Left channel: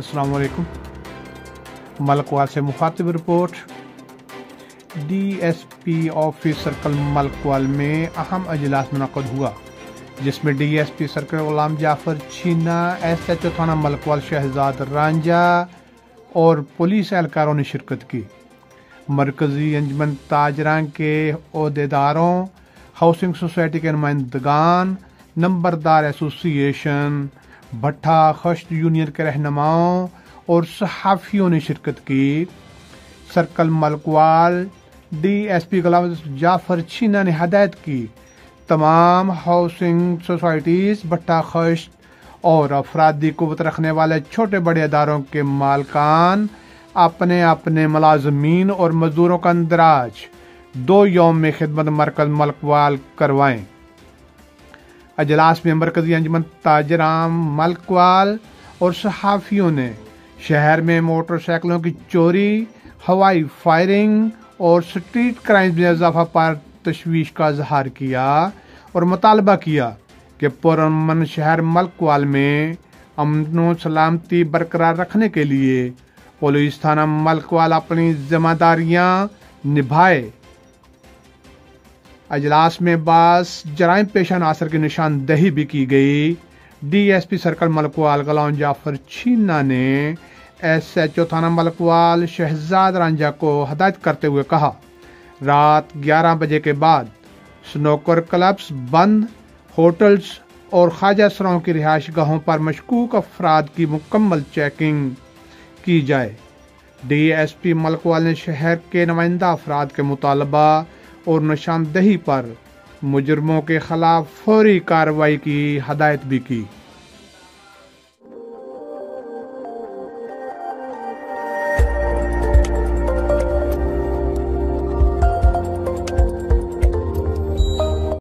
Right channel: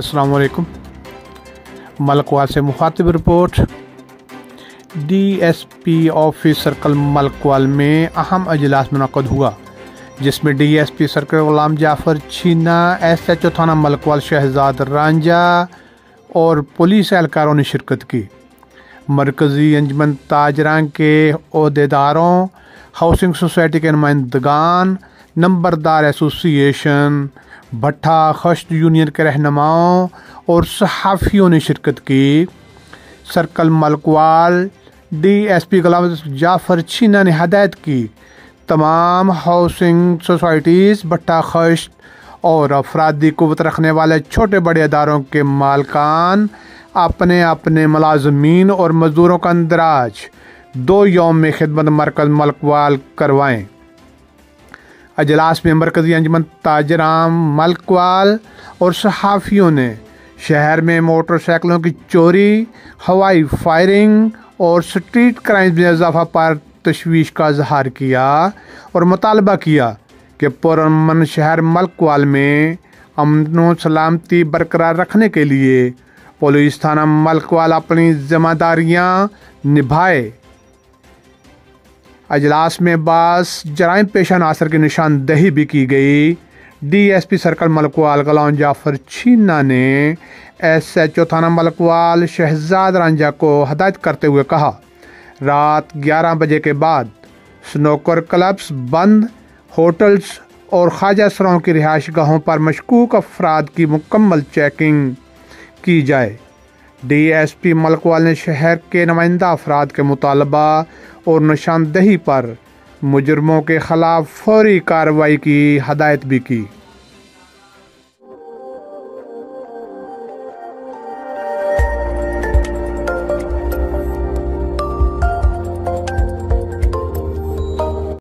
अस्सलाम वालेकुम। मलकवाल से मुखातिब report. DSP office circle Malakwal में अहम अजलास मुनक़द हुआ, जिसमें DSP सर्कल गुलाम जाफर छीना, SHO थाना मलकवाल शहजाद रांझा और पुलिस एहलकारों ने शिरकत की। मरकज़ी अंजमन ताजरान के ओहदेदारों, हाउसिंग सोसाइटी के नुमाइंदगान, नंबरदार एसोसिएशन, भट्टा खश्त यूनियन के रहनुमाओं और सहाफ़ियों ने शिरकत की। सर्कल मलकवाल DSP गुलाम जाफर छीना ने हदायत की तमाम हाउसिंग सोसाइटीज़, भट्टा खश्त और अफरादी क़ुव्वत रखने वाले छोटे बड़े अदारों के मालकान अपने अपने मुलाज़मीन और मज़दूरों का इंदराज 2 यौम में खिदमत मरकज़ मलकवाल करवाएं। अजलास में मरकज़ी अंजमन ताजरान मलकवाल और सहाफ़ियों ने शहर में मोटरसाइकिलों की चोरी, हवाई फायरिंग और स्ट्रीट क्राइम में इजाफा पर तशवीश का इजहार किया और मुतालबा किया कि पुरअमन शहर मलकवाल में अमन व सलामती बरकरार रखने के लिए पुलिस थाना मलकवाल अपनी जिम्मेदारियां निभाए। अजलास में बास जराइम पेशा नासर की निशानदही भी की गई। DSP सर्कल मलकवाल गुलाम जाफर छीना ने SHO थाना मलकवाल शहजाद रांझा को हदायत करते हुए कहा, रात 11 बजे के बाद स्नोकर क्लब्स बंद, होटल्स और ख्वाजा सराओं की रिहाइश गाहों पर मशकूक अफराद की मुकम्मल चेकिंग की जाए। DSP मलकवाल ने शहर के नुमाइंदा अफराद के मुतालबा और निशानदही पर मुजरमों के खिलाफ फौरी कार्रवाई की हदायत भी की।